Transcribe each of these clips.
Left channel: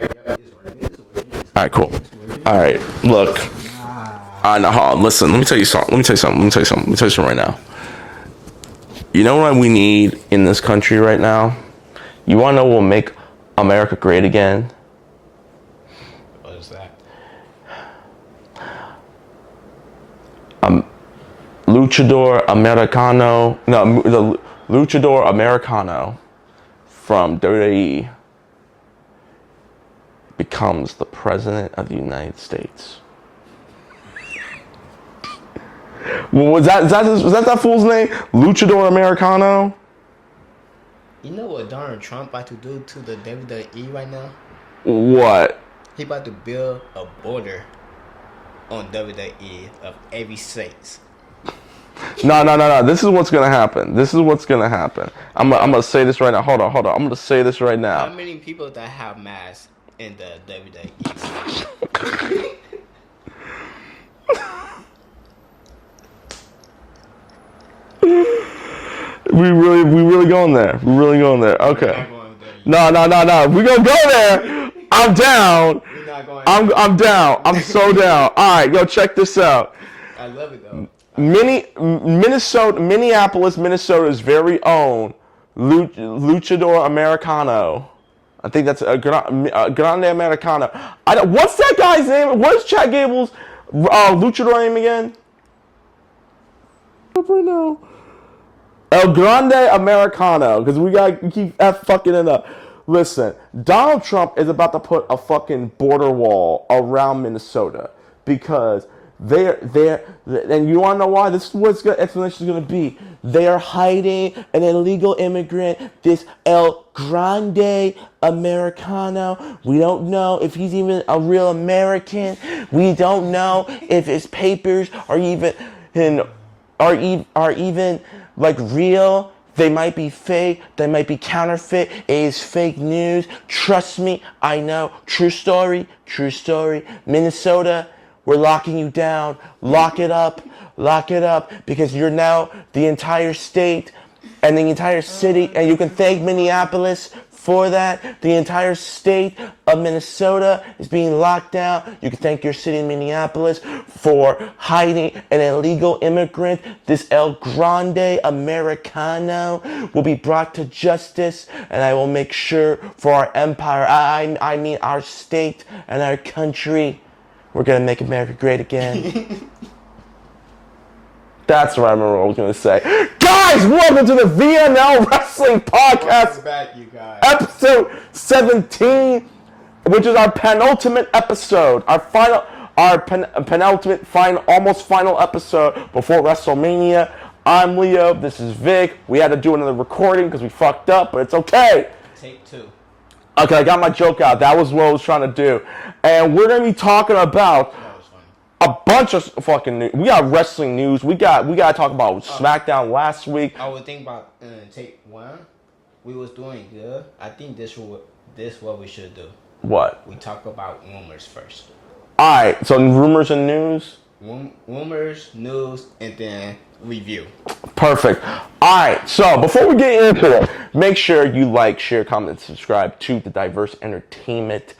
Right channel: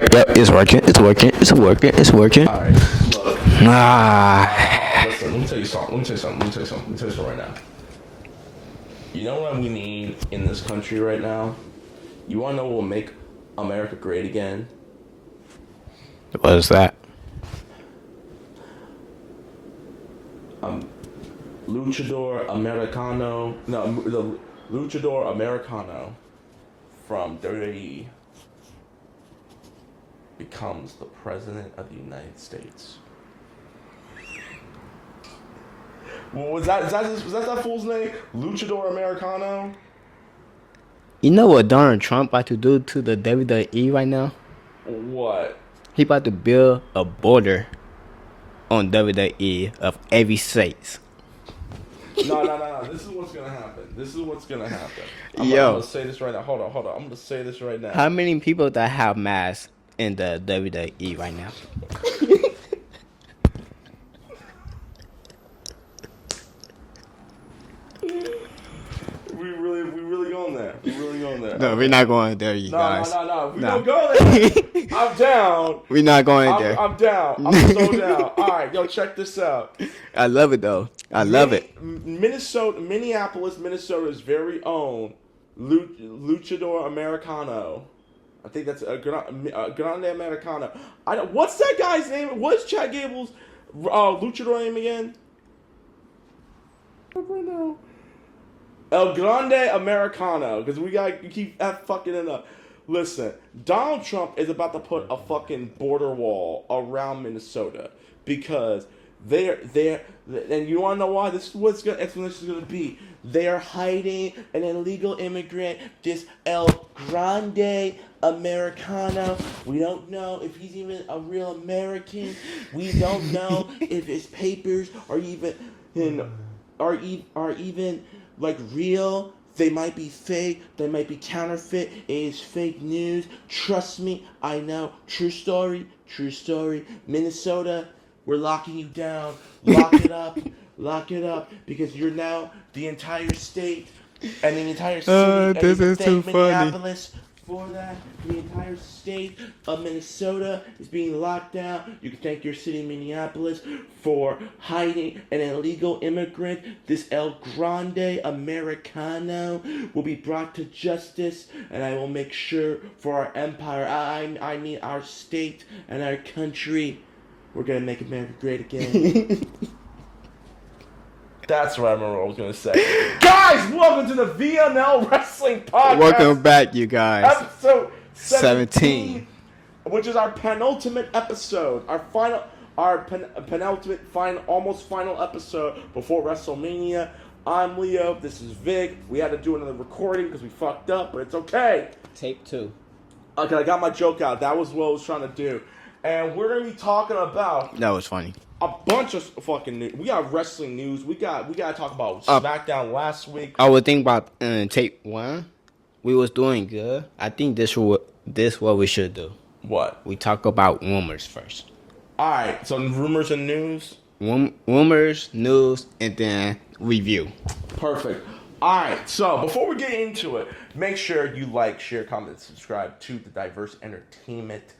Yep. It's working. It's working. It's working. Cool. It's working. All right. Look. Listen. Let me tell you something right now. You know what we need in this country right now? You want to know what will make America great again? What is that? Luchador Americano. No, the Luchador Americano from WWE becomes the president of the United States. Was that fool's name? Luchador Americano? You know what Donald Trump about to do to the WWE right now? What? He about to build a border on WWE of every state. No. This is what's gonna happen. I'm gonna say this right now. Hold on. I'm gonna say this right now. How many people that have masks in the WWE right now? We really going there. No, Okay. we're not going there. No. We gonna go there. I'm down. We're not going there. I'm down. I'm so down. All right, yo, check this out. I love it though. Minneapolis, Minnesota's very own Luchador Americano. I think that's a Grande Americano. What's that guy's name? What's Chad Gable's luchador name again? Right now. El Grande Americano, because we keep fucking it up. Listen, Donald Trump is about to put a fucking border wall around Minnesota because and you want to know why? This is what explanation is going to be. They are hiding an illegal immigrant, this El Grande Americano. We don't know if he's even a real American. We don't know if his papers are even like real. They might be fake. They might be counterfeit. It is fake news. Trust me, I know. True story. Minnesota, we're locking you down. Lock it up, because you're now the entire state and the entire city, and you can thank Minneapolis for that. The entire state of Minnesota is being locked down. You can thank your city of Minneapolis for hiding an illegal immigrant. This El Grande Americano will be brought to justice, and I will make sure for our empire, I mean our state and our country, we're going to make America great again. That's what I remember what I was going to say. Guys, welcome to the VNL Wrestling Podcast. Welcome back, you guys. Episode 17, which is our penultimate episode. Penultimate, almost final episode before WrestleMania. I'm Leo. This is Vic. We had to do another recording because we fucked up, but it's okay. Take 2. Okay, I got my joke out. That was what I was trying to do. And we're going to be talking about... That was funny. A bunch of fucking news. We got wrestling news. We got to talk about Smackdown last week. I would think about tape 1. We was doing good. I think this what we should do. What? We talk about rumors first. All right. So rumors and news. Rumors, news, and then review. Perfect. All right. So before we get into it, make sure you like, share, comment, and subscribe to the Diverse Entertainment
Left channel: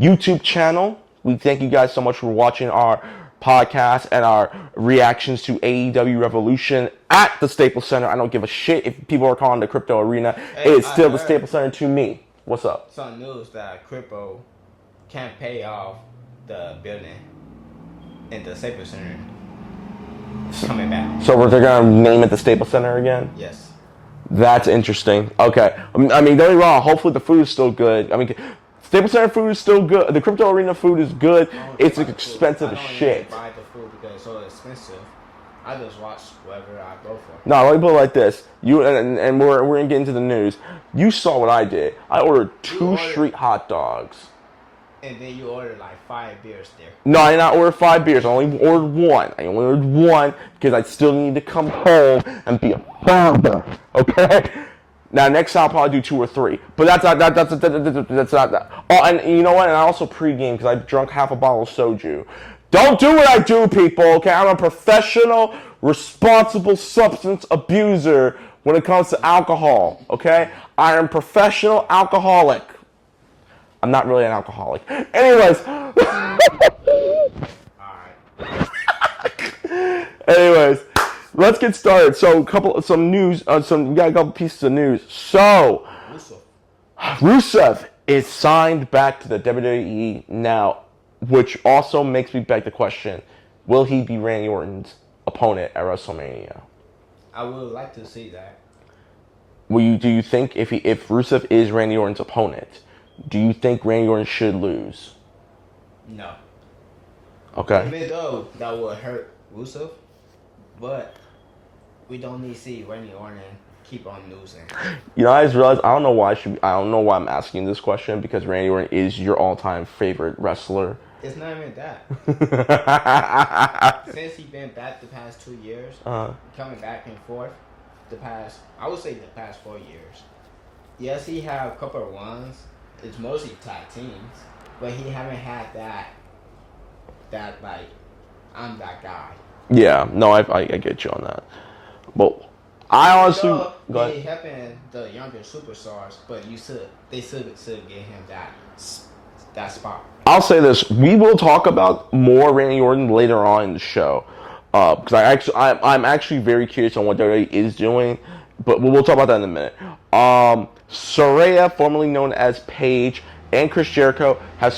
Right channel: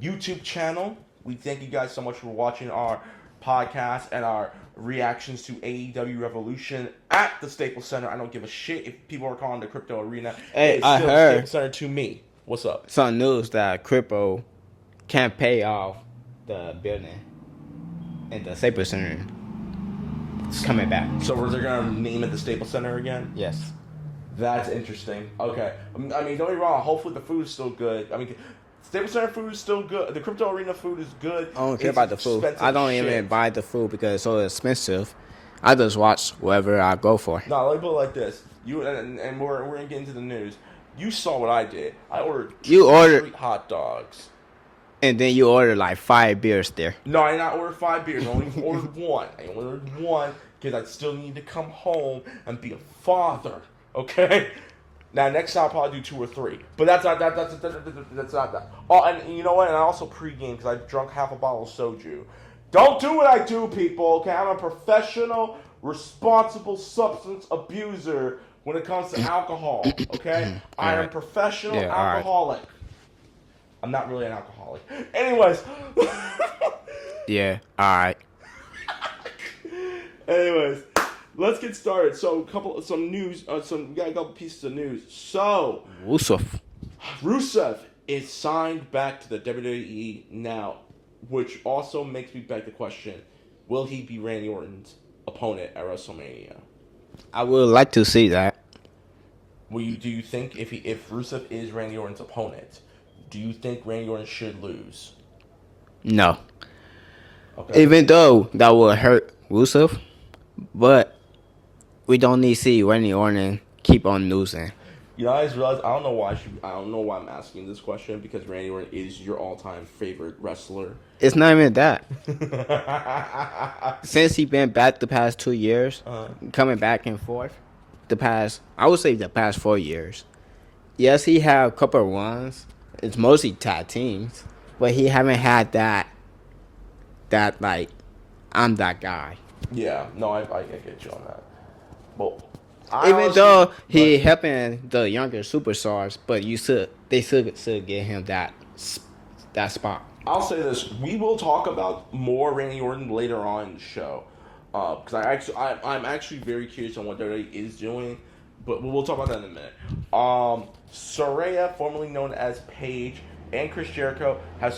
YouTube channel. We thank you guys so much for watching our podcast and our reactions to AEW Revolution at the Staples Center. I don't give a shit if people are calling it the Crypto Arena. Hey, it's still the Staples Center to me. What's up? Some news that Crypto can't pay off the building in the Staples Center. It's coming back. So they're going to name it the Staples Center again? Yes. That's interesting. Okay. I mean, don't get me wrong. Hopefully the food is still good. I mean... Staples Center food is still good. The Crypto Arena food is good. It's expensive. I don't even buy the food because it's so expensive. I just watch wherever I go for. No, let me put it like this. And we're gonna get into the news. You saw what I did. I ordered two street hot dogs. And then you ordered like 5 beers there. No, I did not order 5 beers. I only ordered 1. I only ordered 1 because I still need to come home and be a father. Okay. Now, next time I'll probably do 2 or 3. But that's not that. Oh, and you know what? And I also pregame because I drunk half a bottle of soju. Don't do what I do, people, okay? I'm a professional, responsible substance abuser when it comes to alcohol, okay? I am professional alcoholic. I'm not really an alcoholic. Anyways. Yeah. All right. Anyways, let's get started. So, we got a couple pieces of news. So, Rusev is signed back to the WWE now, which also makes me beg the question: will he be Randy Orton's opponent at WrestleMania? I would like to see that. Do you think if Rusev is Randy Orton's opponent, do you think Randy Orton should lose? No. Okay. Even though that would hurt Rusev, but we don't need to see Randy Orton keep on losing. You know, I just realized I don't know why I'm asking this question, because Randy Orton is your all-time favorite wrestler. It's not even that. Since he been back the past 2 years, coming back and forth, I would say the past 4 years. Yes, he have a couple of runs. It's mostly tag teams, but he haven't had that like, I'm that guy. Yeah, no, I get you on that. Well, Though he helping the younger superstars, but they should give him that spot. I'll say this: we will talk about more Randy Orton later on in the show, because I'm actually very curious on what WWE is doing, but we'll talk about that in a minute. Saraya, formerly known as Paige, and Chris Jericho have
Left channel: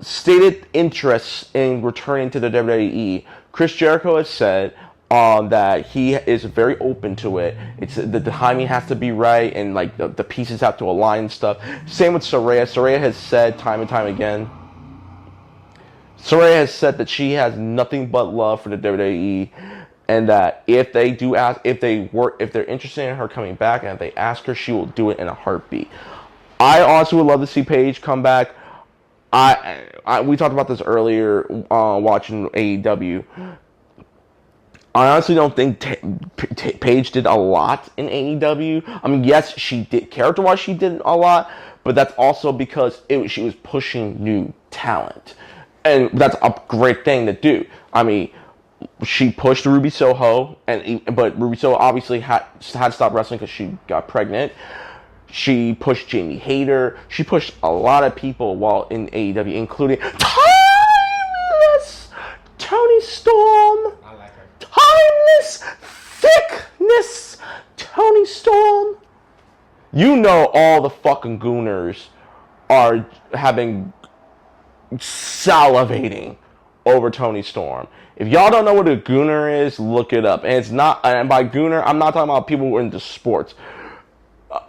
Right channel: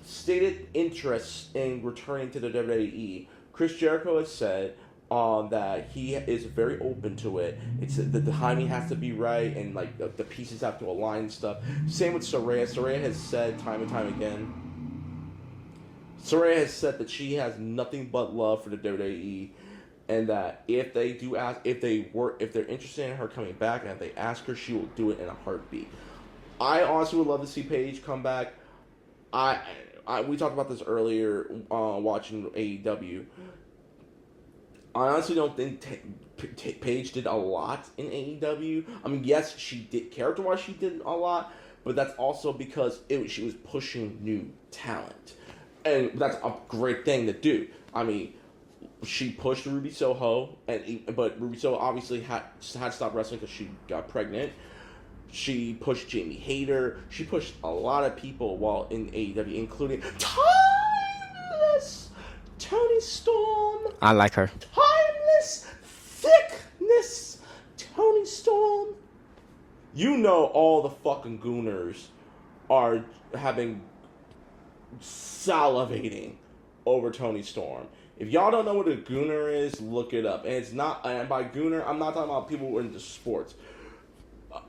stated interest in returning to the WWE. Chris Jericho has said that he is very open to it. It's the timing has to be right, and like the pieces have to align and stuff. Same with Saraya. Saraya has said time and time again. Saraya has said that she has nothing but love for the WWE, and that if they're interested in her coming back, and if they ask her, she will do it in a heartbeat. I honestly would love to see Paige come back. We talked about this earlier watching AEW. I honestly don't think Paige did a lot in AEW. I mean, yes, she did. Character-wise, she did a lot, but that's also because she was pushing new talent. And that's a great thing to do. I mean, she pushed Ruby Soho, but Ruby Soho obviously had to stop wrestling because she got pregnant. She pushed Jamie Hayter. She pushed a lot of people while in AEW, including timeless Toni Storm. I like her. Timeless thickness Toni Storm. You know all the fucking gooners are salivating over Toni Storm. If y'all don't know what a gooner is, look it up. And by gooner, I'm not talking about people who are into sports.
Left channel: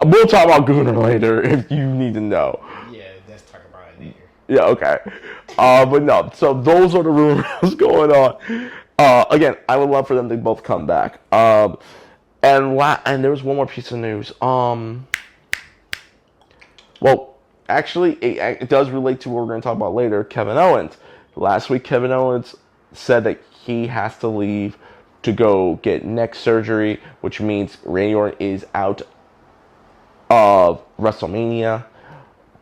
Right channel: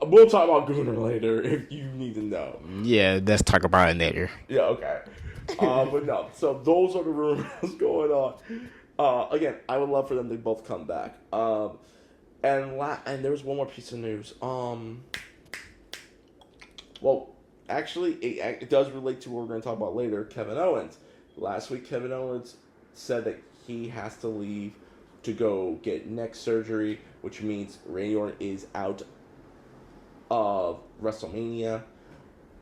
We'll talk about gooner later if you need to know. Yeah, let's talk about it later. Yeah, okay. But no, so those are the rumors going on. Again, I would love for them to both come back. And there was one more piece of news. Well, actually, it does relate to what we're going to talk about later. Kevin Owens. Last week, Kevin Owens said that he has to leave to go get neck surgery, which means Randy Orton is out of WrestleMania.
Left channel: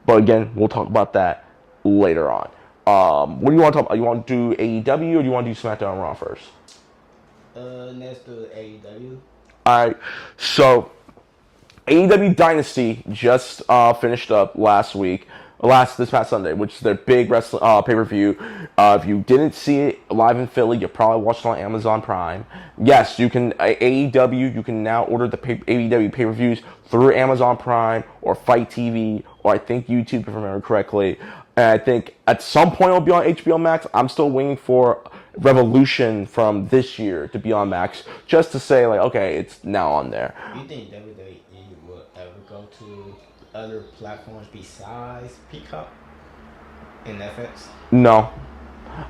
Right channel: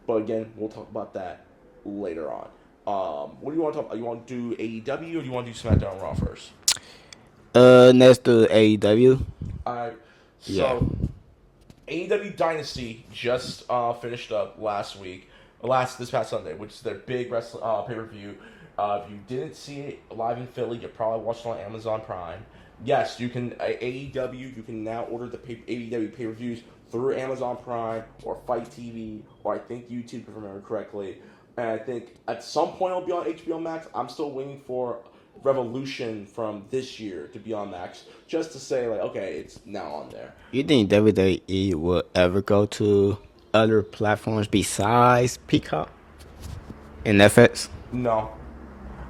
But again, we'll talk about that later on. What do you want to talk about? You want to do AEW or do you want to do SmackDown Raw first? Let's do AEW. Alright, so AEW Dynasty just finished up this past Sunday, which is their big pay-per-view. If you didn't see it live in Philly, you probably watched it on Amazon Prime. Yes, you can AEW. You can now order the AEW pay-per-views through Amazon Prime or Fight TV or I think YouTube, if I remember correctly. And I think at some point it'll be on HBO Max. I'm still waiting for Revolution from this year to be on Max, just to say like, okay, it's now on there. You think WWE will ever go to other platforms besides Peacock and Netflix? No.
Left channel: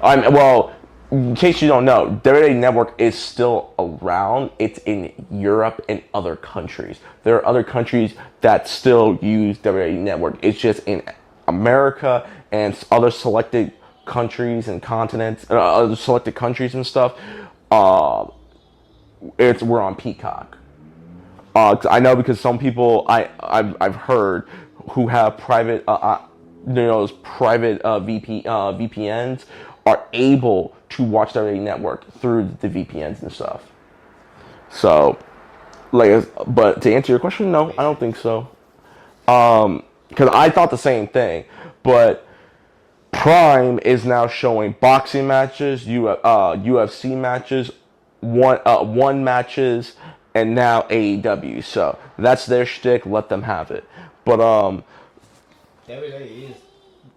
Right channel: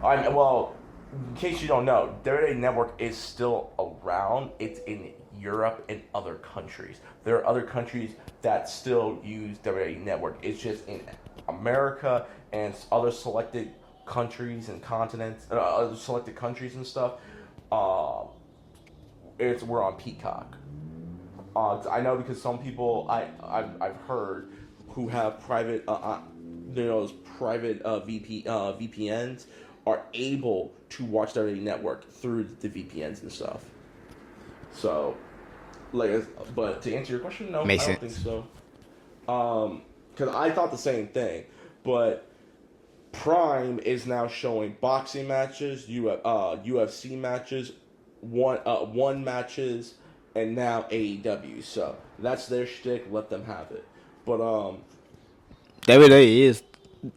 Well, in case you don't know, WWE Network is still around. It's in Europe and other countries. There are other countries that still use WWE Network. It's just in America and other selected countries and continents, other selected countries and stuff. We're on Peacock. I know because some people I've heard who have private VPNs are able to watch WWE Network through the VPNs and stuff. So But to answer your question, no, Makes I don't sense. think so. Because I thought the same thing, but Prime is now showing boxing matches, UFC matches, one matches, and now AEW. So that's their shtick. Let them have it. But WWE is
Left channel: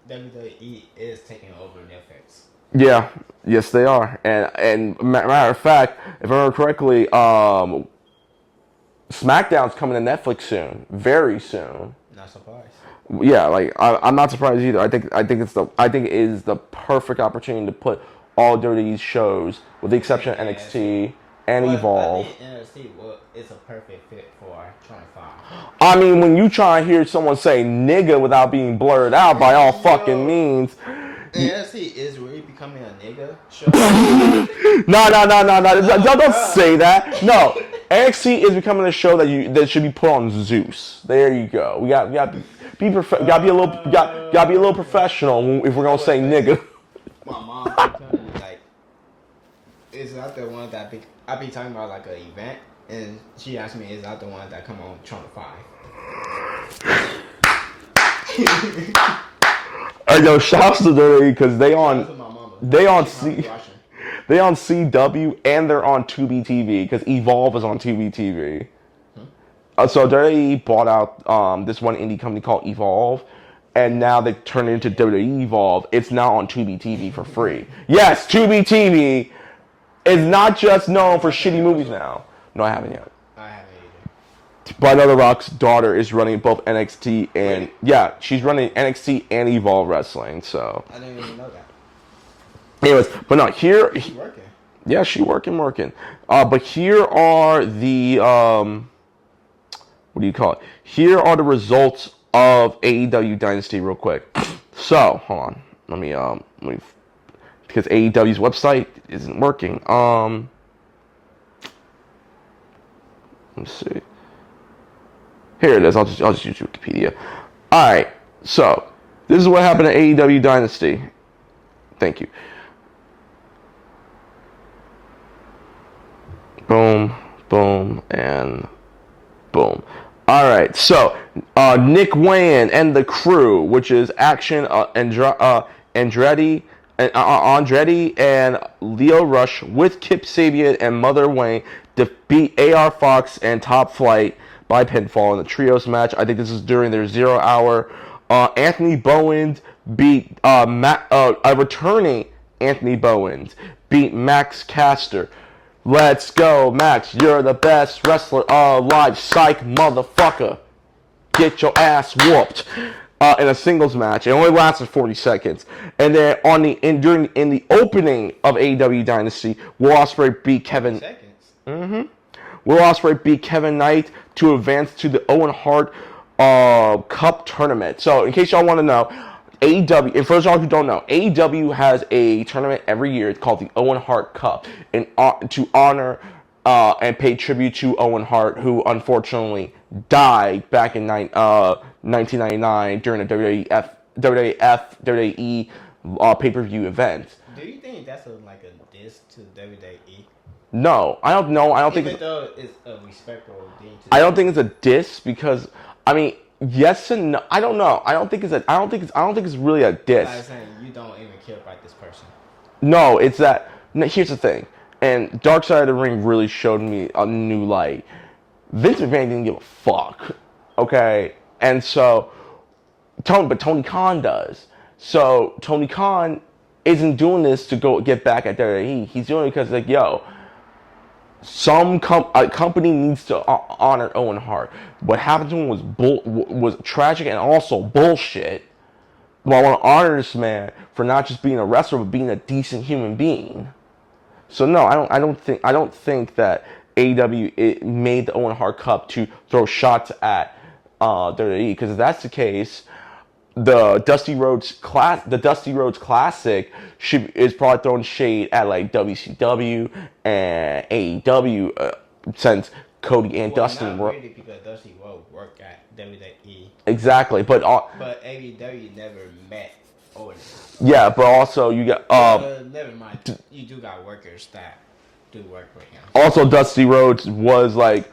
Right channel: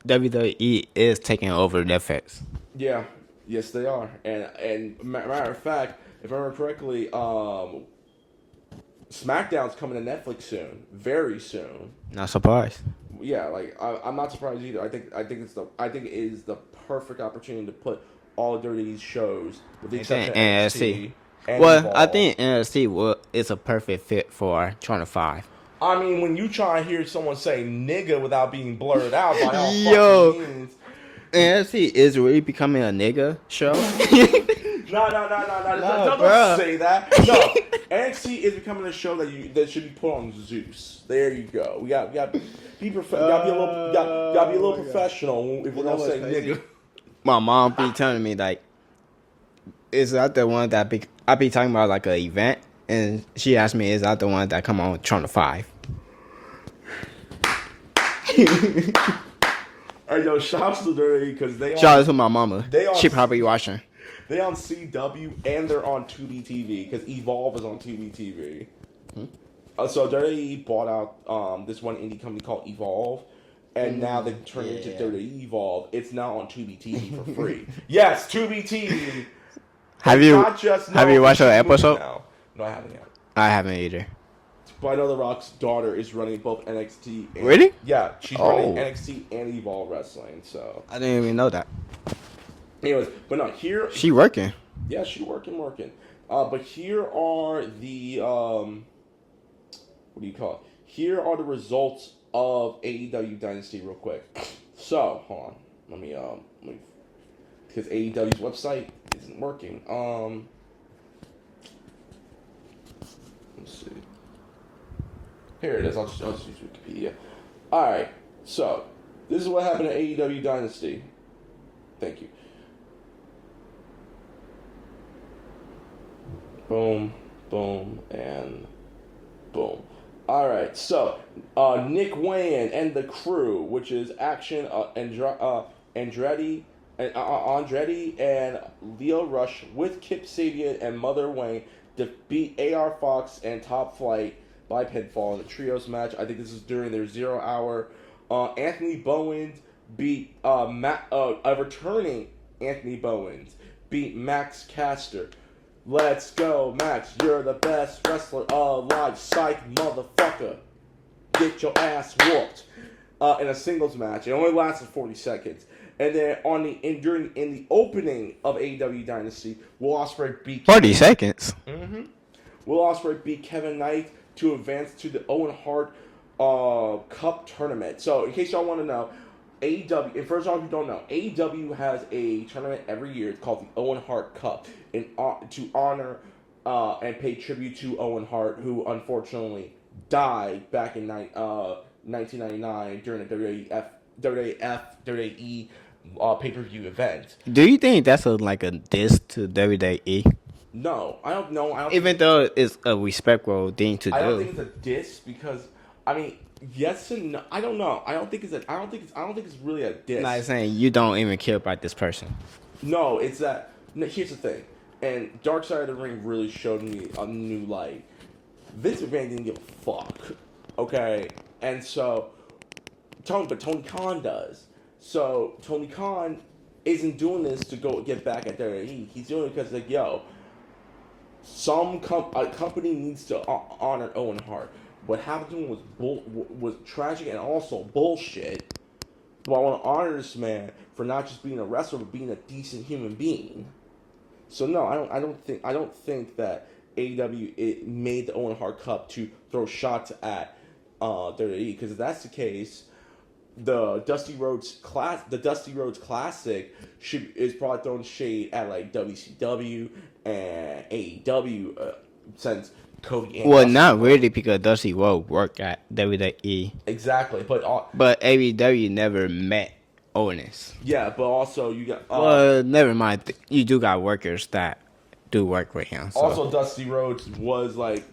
WWE is taking over Netflix. yeah, yes they are. And matter of fact, if I remember correctly, SmackDown's coming to Netflix soon, very soon. Not surprised. Yeah, like I'm not surprised either. I think it is the perfect opportunity to put all WWE's shows, with the exception of NXT and Well, Evolve. I think NXT is a perfect fit for 25. I mean, when you try and hear someone say "nigga" without being blurred out by all fucking means, NXT is really becoming a nigga show. no, don't say that. No, NXT is becoming a show that should be put on Zeus. There you go. We got gotta be a little professional if we're gonna say nigga. My mom be telling me like, is that the one that I be talking about like an event, and she asked me, is that the one that come on Channel 5? I know. Shouts to WWE because they Shout on. out to my mama. They on She probably watching. They on CW and they're on Tubi TV because Evolve is on Tubi TV. So WWE bought out this one indie company called Evolve, and now they've turned it into WWE Evolve. It's now on Tubi TV for free. Yes, Tubi TV. It's not just known for shitty movies now. No, I haven't yet. I haven't either. But The Rock's daughter is running both NXT and Really? Yeah, she's running NXT and Evolve Wrestling. So I didn't even know that. anyways, but no, here She working. yeah, she working. But here are the what do you call it? Here are the results of AEW Dynasty real quick. So, hold on. Let me because AEW's website isn't working. Let's see. Here it is. I'll just use Wikipedia. All right. So, this is what happened at AEW Dynasty. Thank you. Boom, boom, and boom. All right, so Nick Wayne and the crew, which is Action Andretti and Leo Rush with Kip Sabian and Mother Wayne defeat AR Fox and Top Flight by pinfall in the trios match. I think this is during their 0 hour. Anthony Bowens beat returning Anthony Bowens beat Max Caster. Let's go, Max. You're the best wrestler alive. Psych, motherfucker. Get your ass whooped. In a singles match. It only lasted 40 seconds. And then in the opening of AEW Dynasty, Will Ospreay beat 40 seconds. Will Ospreay beat Kevin Knight to advance to the Owen Hart Cup tournament. So, in case y'all want to know, AEW, and for those of y'all who don't know, AEW has a tournament every year. It's called the Owen Hart Cup, to honor and pay tribute to Owen Hart, who unfortunately died back in 1999 during a WWE pay-per-view event. Do you think that's a diss to WWE? No, I don't know. I don't think Even though it's a respectful thing to do. I don't think it's a diss because I mean, yes and no. I don't know. I don't think it's really a diss. I'm saying you don't even care about this person. No, it's that. No, here's the thing, and Dark Side of the Ring really showed me a new light. Vince McMahon didn't give a fuck, okay, and so Tony Khan does. So Tony Khan isn't doing this to go get back at WWE. He's doing it because like, yo, some company needs to honor Owen Hart. What happened to him was tragic and also bullshit. But I want to honor this man for not just being a wrestler, but being a decent human being. So no, I don't think that AEW made the Owen Hart Cup to throw shots at WWE. Because if that's the case, the Dusty Rhodes Classic is probably throwing shade at like WCW and AEW since Cody and Dusty not really because Dusty Rhodes worked at WWE. Exactly, but AEW never met Owens. Yeah, but also you got never mind. You do got workers that do work with him. So. Also, Dusty Rhodes was like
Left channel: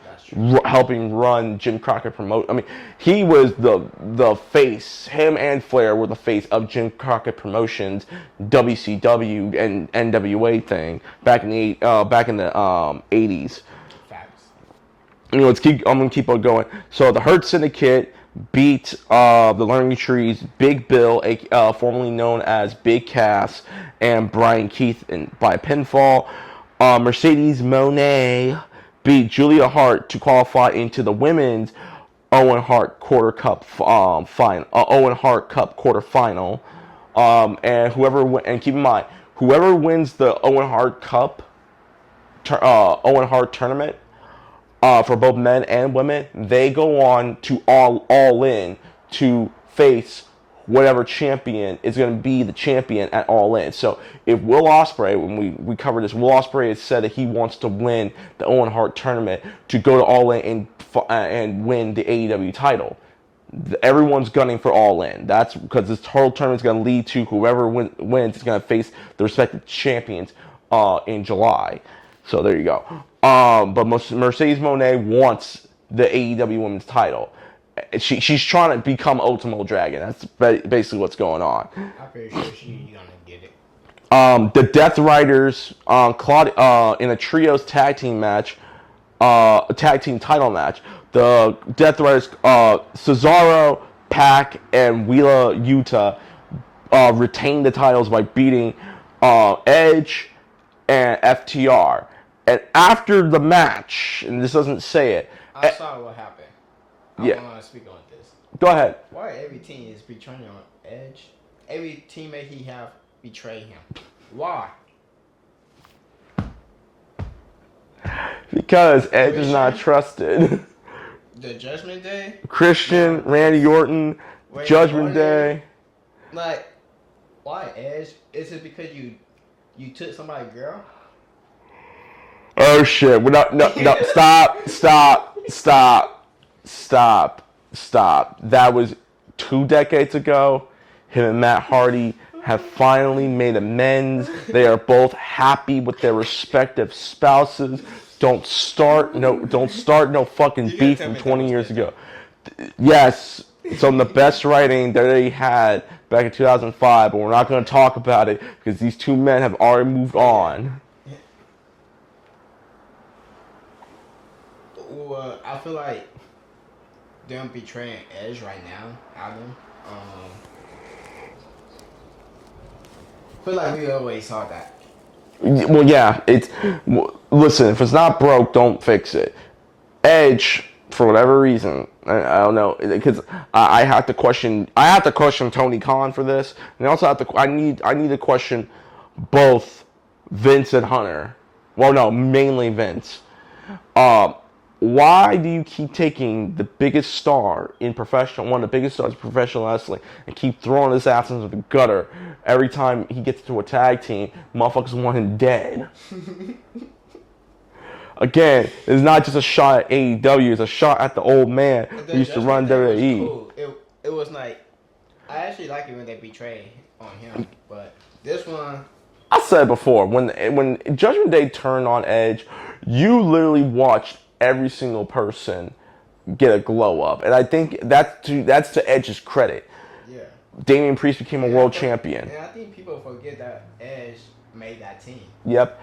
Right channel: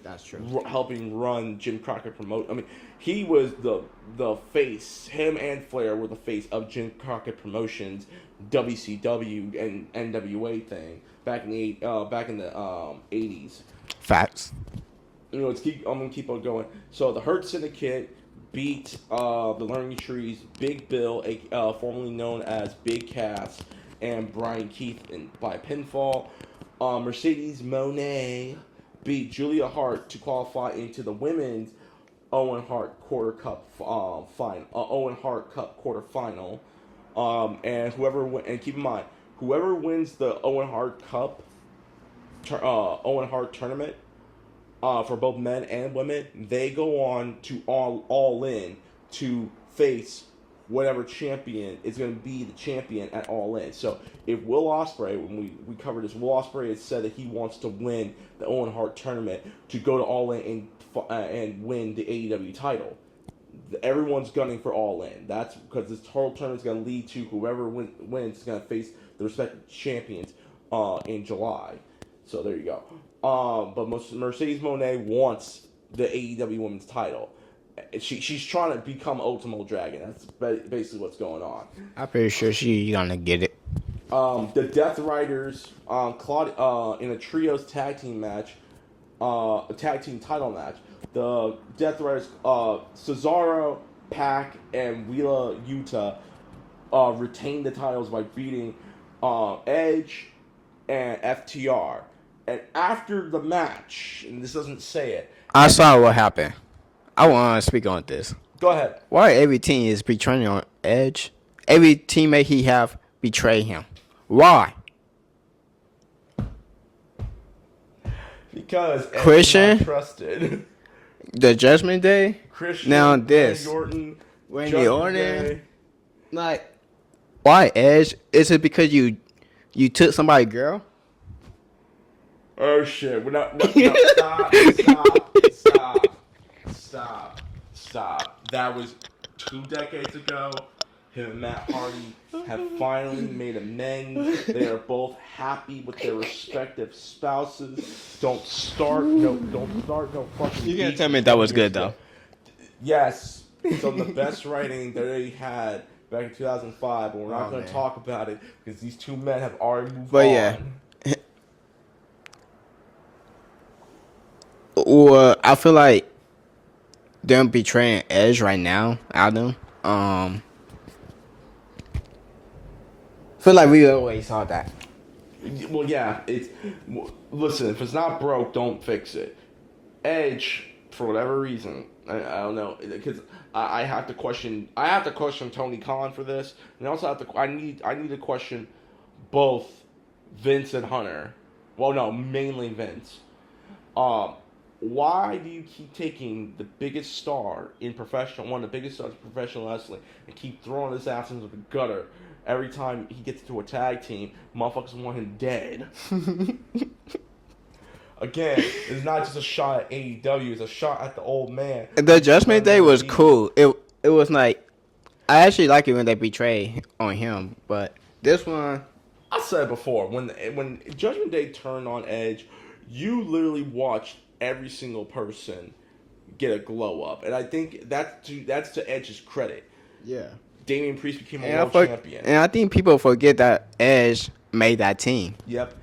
helping run Jim Crockett promote. I mean, he was the face. Him and Flair were the face of Jim Crockett Promotions, WCW and NWA thing back in the 80s. Facts. I'm gonna keep on going. So the Hurt Syndicate beat the Learning Trees, Big Bill, formerly known as Big Cass, and Brian Keith by pinfall. Mercedes Moné beat Julia Hart to qualify into the women's Owen Hart Quarter Cup final. Owen Hart Cup quarterfinal. And keep in mind, whoever wins the Owen Hart Cup, Owen Hart tournament. For both men and women, they go on to all in to face whatever champion is going to be the champion at All In. So if Will Ospreay, when we covered this, Will Ospreay has said that he wants to win the Owen Hart tournament to go to All In and win the AEW title. Everyone's gunning for All In. That's because this whole tournament is going to lead to whoever wins is going to face the respective champions in July. So there you go. But Mercedes Moné wants the AEW Women's title. She's trying to become Ultimo Dragon. That's basically what's going on. I'm pretty sure she's gonna get it. The Death Riders, in a trios tag team match, a tag team title match. The Death Riders, Cesaro, Pac, and Wheeler Yuta retained the titles by beating Edge and FTR. And after the match, and this doesn't say it. I saw what happened. I want to speak on this. Go ahead. Why every team is betraying on Edge? Every teammate he have betray him. Why? Because Edge is not trusted. The Judgment Day? Christian, Randy Orton, Judgment Day. Like, why Edge? Is it because you took somebody's girl? Oh shit! No! Stop! That was 2 decades ago. Him and Matt Hardy have finally made amends. They are both happy with their respective spouses. Don't start no fucking beef. You tell me that was good though. Yes, some of the best writing that they had back in 2005, but we're not going to talk about it because these two men have already moved on. Yeah. Well, I feel like them betraying Edge right now, Adam. I feel like we always saw that. Well, yeah. Listen, if it's not broke, don't fix it. Edge, for whatever reason, I don't know, because I have to question Tony Khan for this, and I also have to. I need to question both Vince and Hunter. Well, no, mainly Vince. Why do you keep taking the biggest star in one of the biggest stars in professional wrestling, and keep throwing his ass into the gutter every time he gets into a tag team? Motherfuckers want him dead. Again, it's not just a shot at AEW; it's a shot at the old man. The Judgment Day was cool. It was like, I actually like it when they betray on him, but this one, I said before, when Judgment Day turned on Edge, you literally watched every single person get a glow up, and I think that's to Edge's credit. Yeah, Damian Priest became a world champion, and I think people forget that Edge made that team. Yep,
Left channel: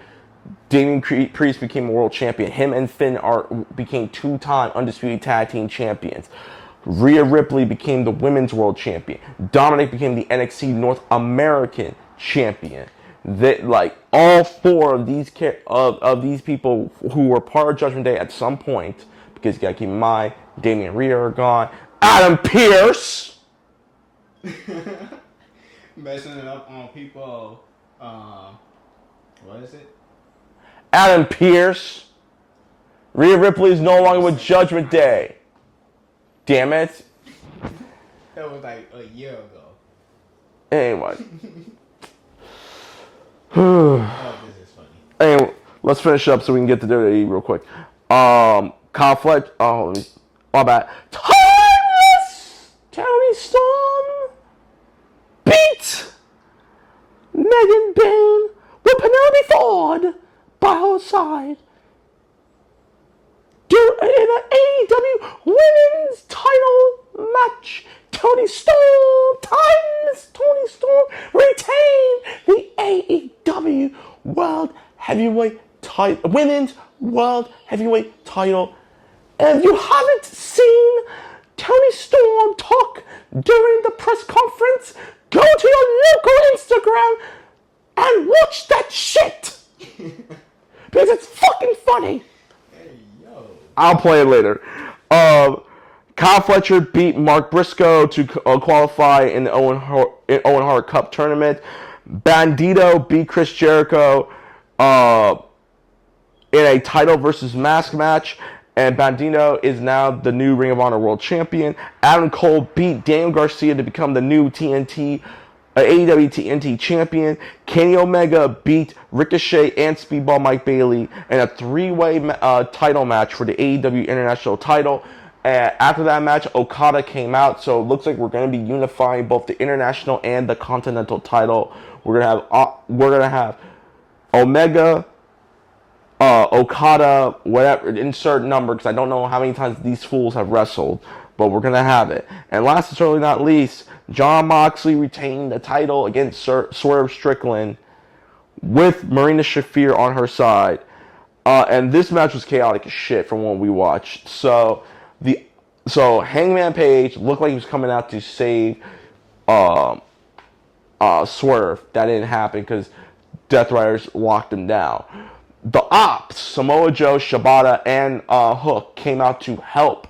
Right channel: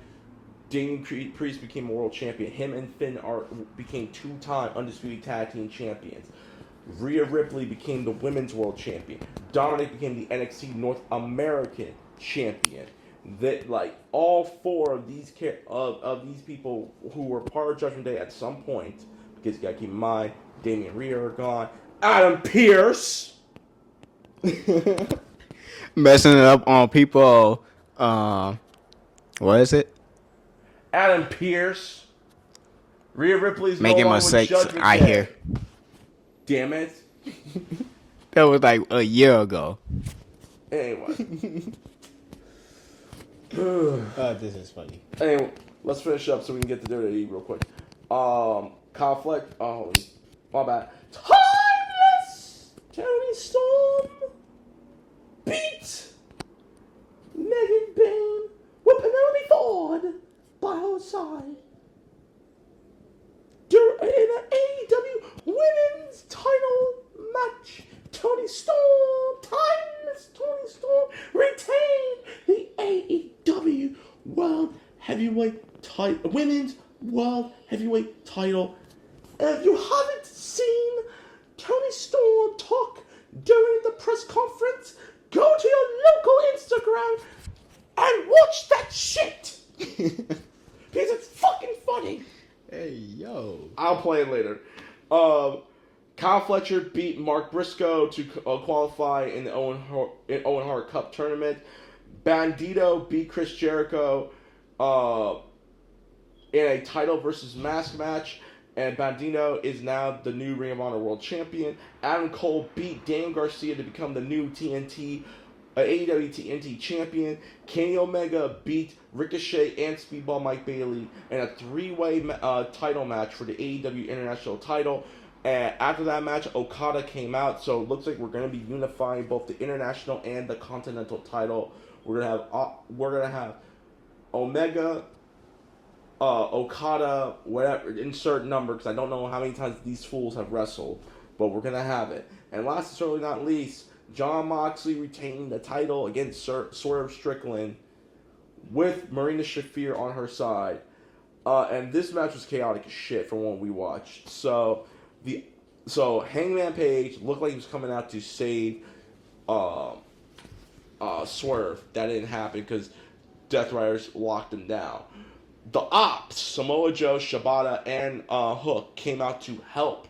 Damian Priest became a world champion. Him and Finn became 2-time undisputed tag team champions. Rhea Ripley became the women's world champion. Dominic became the NXT North American champion. That, like, all 4 of these people who were part of Judgment Day at some point, because you gotta keep in mind, Damian and Rhea are gone. Adam Pearce messing it up on people. What is it? Adam Pearce. Rhea Ripley's no longer with Judgment Day. Damn it. That was like a year ago. Anyway. Oh, this is funny. Anyway, let's finish up so we can get to WWE real quick. Kyle Fletcher. Oh, my bad. Timeless Tony Storm beat Megan Bayne with Penelope Ford by her side. In an AEW Women's Title match, Toni Storm retained the AEW World Heavyweight Title, Women's World Heavyweight Title. And if you haven't seen Toni Storm talk during the press conference, go to your local Instagram and watch that shit. Because it's fucking funny. Hey, yo. I'll play it later. Kyle Fletcher beat Mark Briscoe to qualify in the Owen Hart Cup tournament. Bandito beat Chris Jericho in a title versus mask match. And Bandito is now the new Ring of Honor World Champion. Adam Cole beat Daniel Garcia to become the new AEW TNT Champion. Kenny Omega beat Ricochet and Speedball Mike Bailey in a three-way title match for the AEW International title. And after that match, Okada came out, so it looks like we're going to be unifying both the International and the Continental title. We're gonna have Omega, Okada, whatever, insert number, because I don't know how many times these fools have wrestled, but we're going to have it. And last but certainly not least, Jon Moxley retained the title against Swerve Strickland with Marina Shafir on her side. And this match was chaotic as shit from what we watched. So Hangman Page looked like he was coming out to save Swerve. That didn't happen because Death Riders locked him down. The Ops, Samoa Joe, Shibata, and Hook came out to help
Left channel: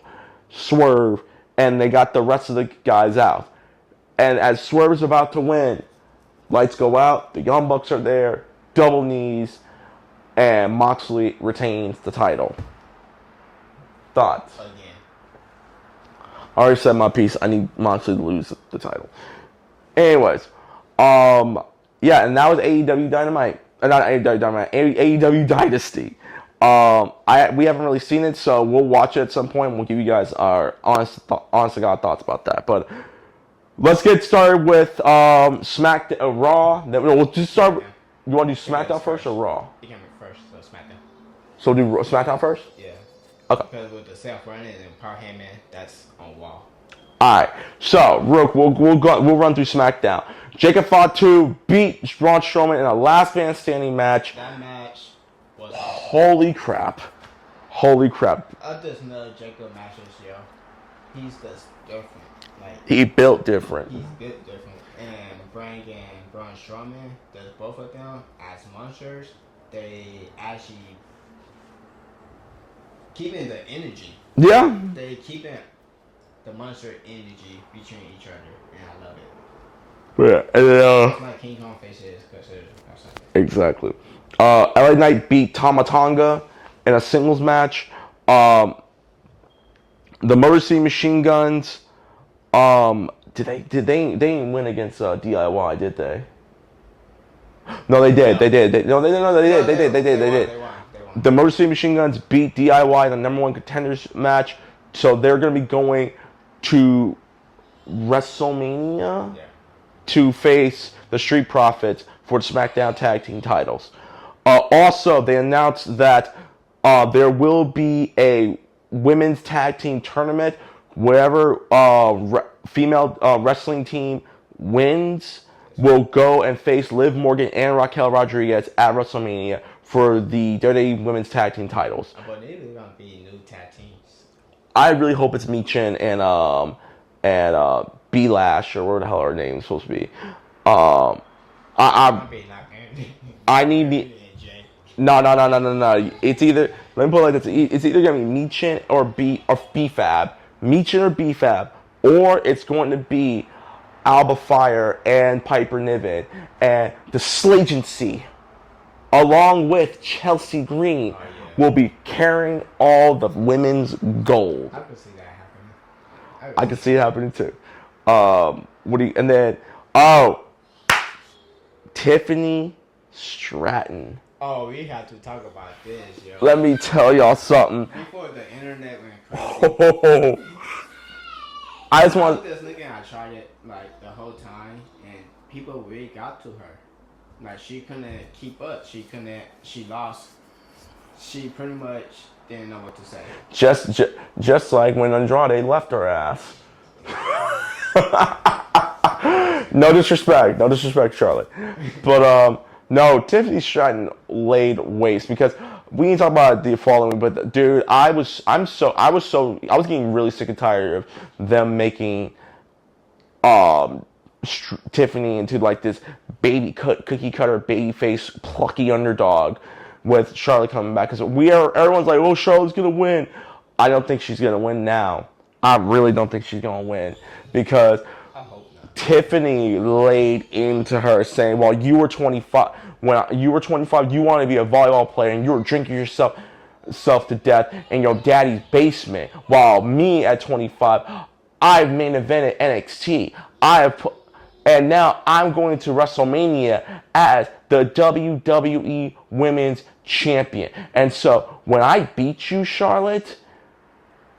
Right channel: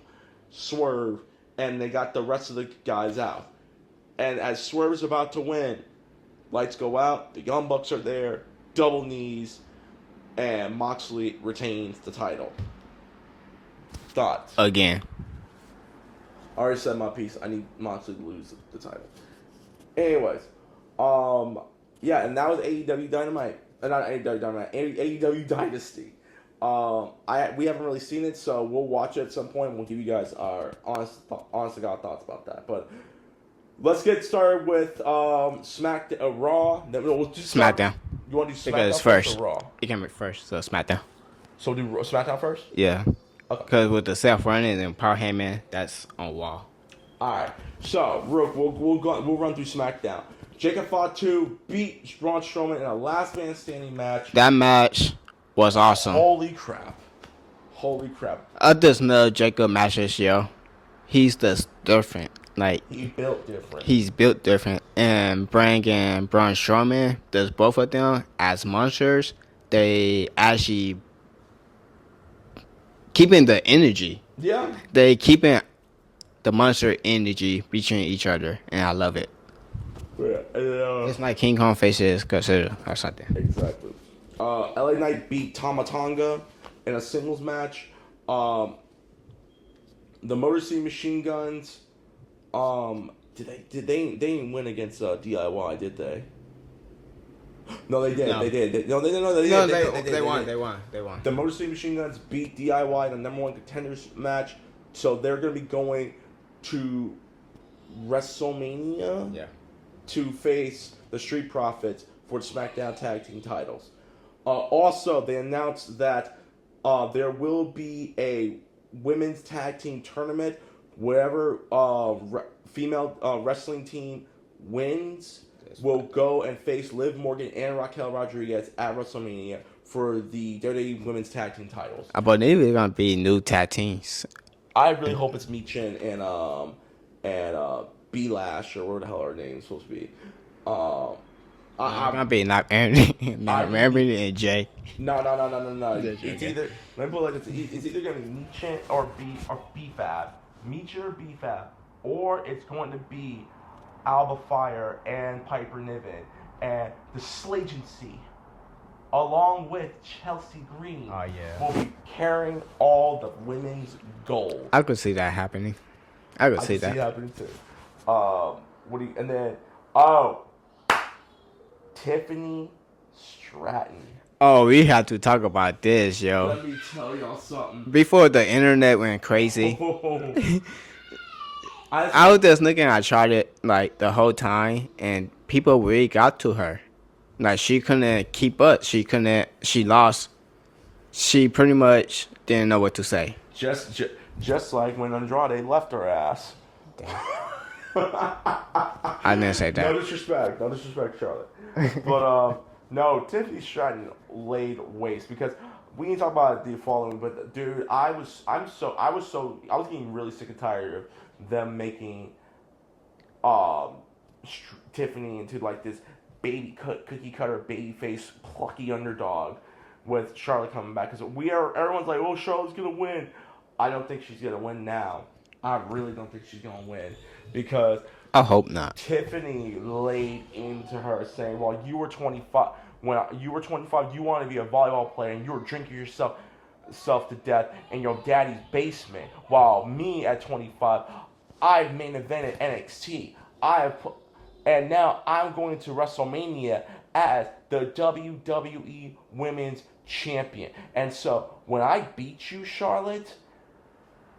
Swerve, and they got the rest of the guys out. And as Swerve's about to win, lights go out, the Young Bucks are there, double knees, and Moxley retains the title. Thoughts? Again. I already said my piece. I need Moxley to lose the title. Anyways, yeah, and that was AEW Dynamite. Not AEW Dynamite, AEW Dynasty. We haven't really seen it, so we'll watch it at some point. We'll give you guys our honest to God thoughts about that. But let's get started with SmackDown, Raw. We'll just start. SmackDown. You want to do SmackDown first or Raw? You can make first, so SmackDown. So we'll do SmackDown first? Yeah. Okay. Because with the self-running and Power Heyman, that's on wall. All right. So, Rook, we'll run through SmackDown. Jacob Fatu beat Braun Strowman in a last man standing match. That match was awesome. Holy crap. I just know Jacob matches, yo. He's just different. Like, He built different. he's built different. And bringing Braun Strowman, there's both of them as monsters. They actually keeping the energy. Yeah. They keeping the monster energy between each other, and I love it. Yeah. And then, Like King Kong faces Godzilla or something. exactly. LA Knight beat Tama Tonga in a singles match. The Motor City Machine Guns. They didn't win against DIY, did they? No, they did. No. They did. They did. They won. The Motor City Machine Guns beat DIY in the number one contenders match, so they're going to be going to WrestleMania to face the Street Profits for the SmackDown Tag Team titles. Also, they announced that there will be a women's tag team tournament. Whatever female wrestling team wins will go and face Liv Morgan and Raquel Rodriguez at WrestleMania for the WWE Women's Tag Team titles. I believe it's gonna be new tag teams. I really hope it's Michin and B Lash or whatever the hell her name's supposed to be. Might be not Aaron. I need Aaron and Jay. No. It's either, let me put it like this. It's either gonna be Michin or B-Fab. Michin or B-Fab, or it's going to be Alba Fire and Piper Niven and the Slagency, along with Chelsea Green, will be carrying all the women's gold. I could see that happening. I can see it happening too. Tiffany Stratton. Oh, we have to talk about this, yo. Let me tell y'all something. Before the internet went crazy, I I was just looking at Charlotte like the whole time, and people really got to her. Like she couldn't keep up. She lost she pretty much didn't know what to say. Just like when Andrade left her ass. I didn't say that. No disrespect, Charlotte. But no, Tiffany Stratton laid waste because we can talk about the following. But dude, I was getting really sick and tired of them making Tiffany into like this cookie cutter baby face plucky underdog with Charlotte coming back because everyone's like, oh, Charlotte's gonna win. I don't think she's gonna win now. I really don't think she's gonna win because I hope not. Tiffany laid into her saying, well, you were 25 when you were 25, you wanted to be a volleyball player and you were drinking yourself to death in your daddy's basement, while me at 25, I've main evented NXT. And now I'm going to WrestleMania as the WWE Women's Champion. And so when I beat you, Charlotte,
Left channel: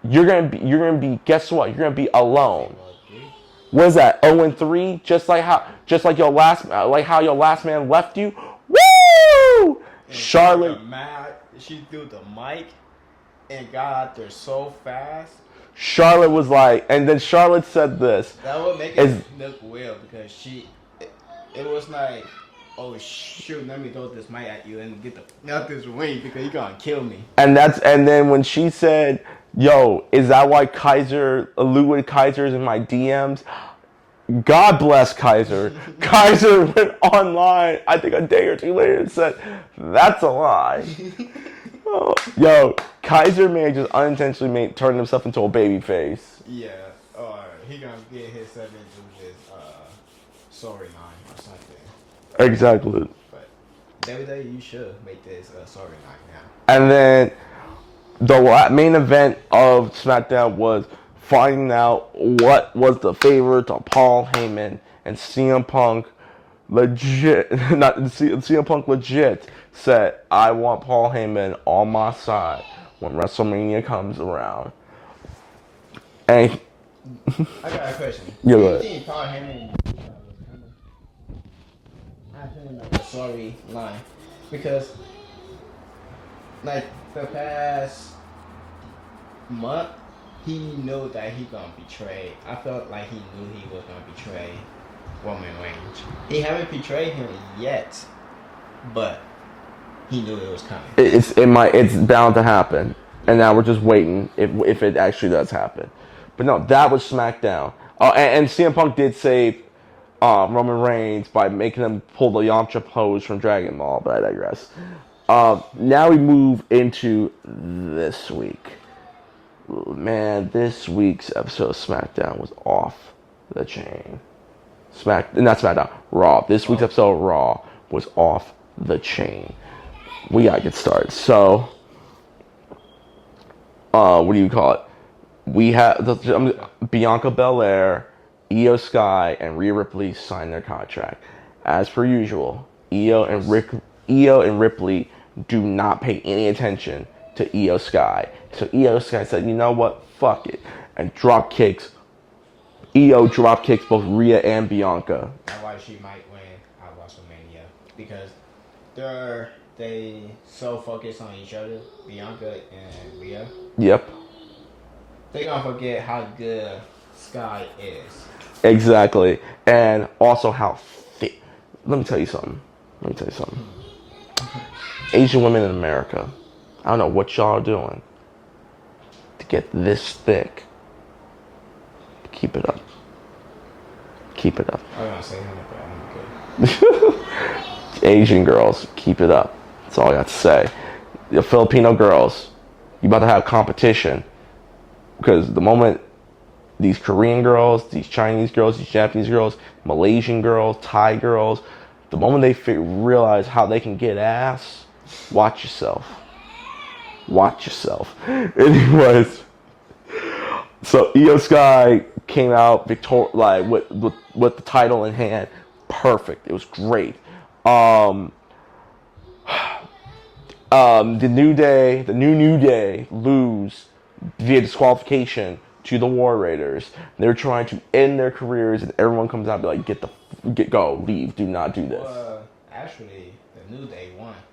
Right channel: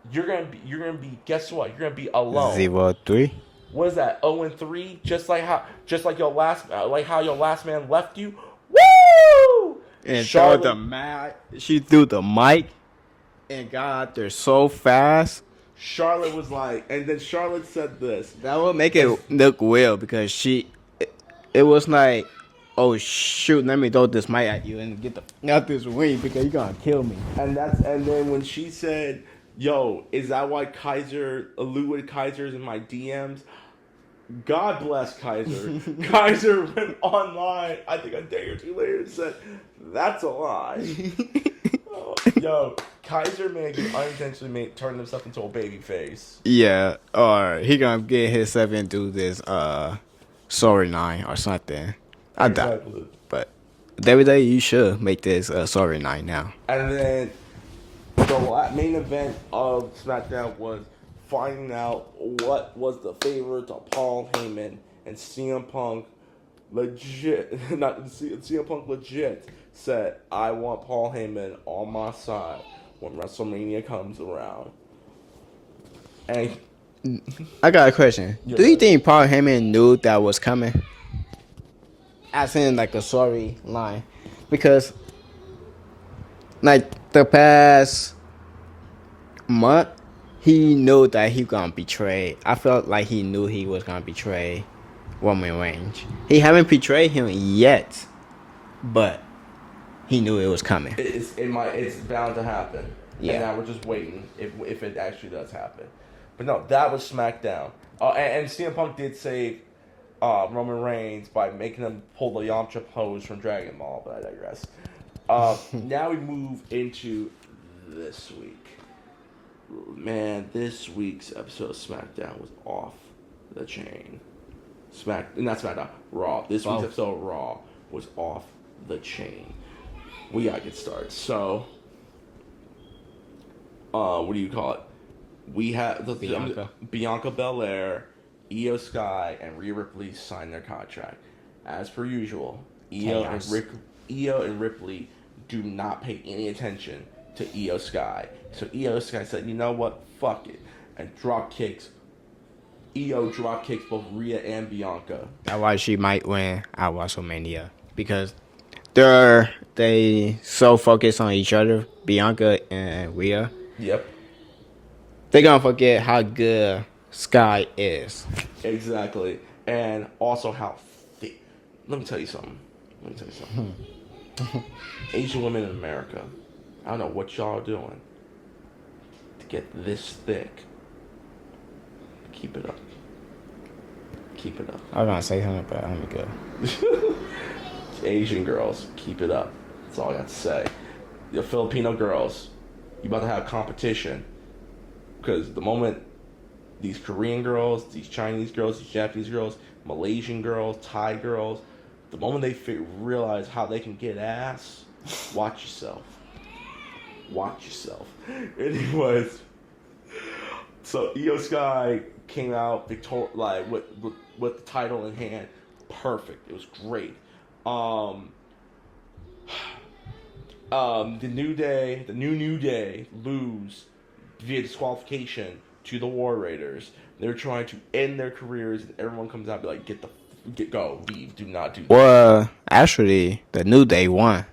you're gonna be. Guess what? You're gonna be alone. 0-3. What is that? 0-3. Just like how your last man left you. Woo! And Charlotte, she threw the mic and got out there so fast. Charlotte was like, and then Charlotte said this. That would make it look weird because it was like, oh shoot, let me throw this mic at you and get out this ring because you're gonna kill me. And then when she said, yo, is that why Ludwig Kaiser's in my DMs? God bless Kaiser. Kaiser went online, I think a day or two later, and said, that's a lie. Yo, Kaiser may just unintentionally turn himself into a baby face. Yeah, or he gonna get himself into this storyline or something. Exactly. But WWE, you should make this storyline now. And then the main event of Smackdown was finding out what was the favorite of Paul Heyman and CM Punk. CM Punk legit said, I want Paul Heyman on my side when WrestleMania comes around. And I got a question. Do you think Paul Heyman knew that was coming? As in like a storyline. Because like the past month, he knew that he gonna betray. I felt like he knew he was gonna betray Roman Reigns. He haven't betrayed him yet, but he knew it was coming. It's bound to happen, and now we're just waiting if it actually does happen. But no, that was SmackDown. And CM Punk did save Roman Reigns by making him pull the Yamcha pose from Dragon Ball, but I digress. Now we move into this week. Man, this week's episode of SmackDown was off the chain. Not SmackDown, Raw. This week's episode of Raw was off the chain. We gotta get started. So, what do you call it? We have Bianca Belair, Io Sky, and Rhea Ripley signed their contract. As per usual, Io and Ripley do not pay any attention to Io Sky. So Io Sky said, you know what? Fuck it. And Io drop kicks both Rhea and Bianca. That's why she might win at WrestleMania. Because they so focused on each other, Bianca and Rhea. Yep. They're gonna forget how good Sky is. Exactly. And also how thick. Let me tell you something. Asian women in America, I don't know what y'all are doing to get this thick. Keep it up. I was gonna say something, but I'm good. Asian girls, keep it up. That's all I got to say. The Filipino girls, you about to have competition. Because the moment these Korean girls, these Chinese girls, these Japanese girls, Malaysian girls, Thai girls, the moment they realize how they can get ass, watch yourself. Anyways, so Io Sky came out with the title in hand. Perfect. It was great. The New Day lose via disqualification to the War Raiders. They're trying to end their careers, and everyone comes out and be like, go, leave, do not do that. Well, actually, the New Day won.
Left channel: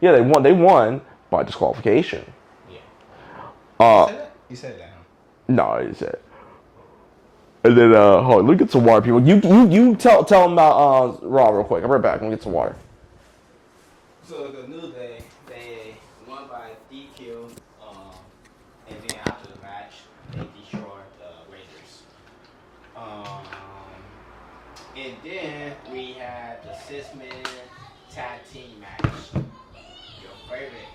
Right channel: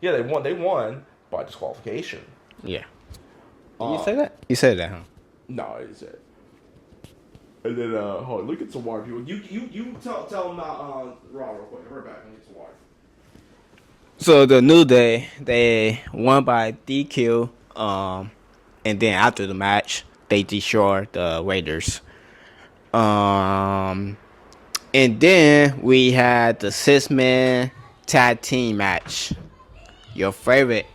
Yeah, they won, by disqualification. Yeah. You said that? You said that, huh? No, I didn't say it. And then, hold on, let me get some water, people. You tell them about Raw real quick. I'll be right back. Let me get some water. So the New Day, they won by DQ. And then after the match, they destroyed the Raiders. And then we had the 6-man tag team match. Your favorite.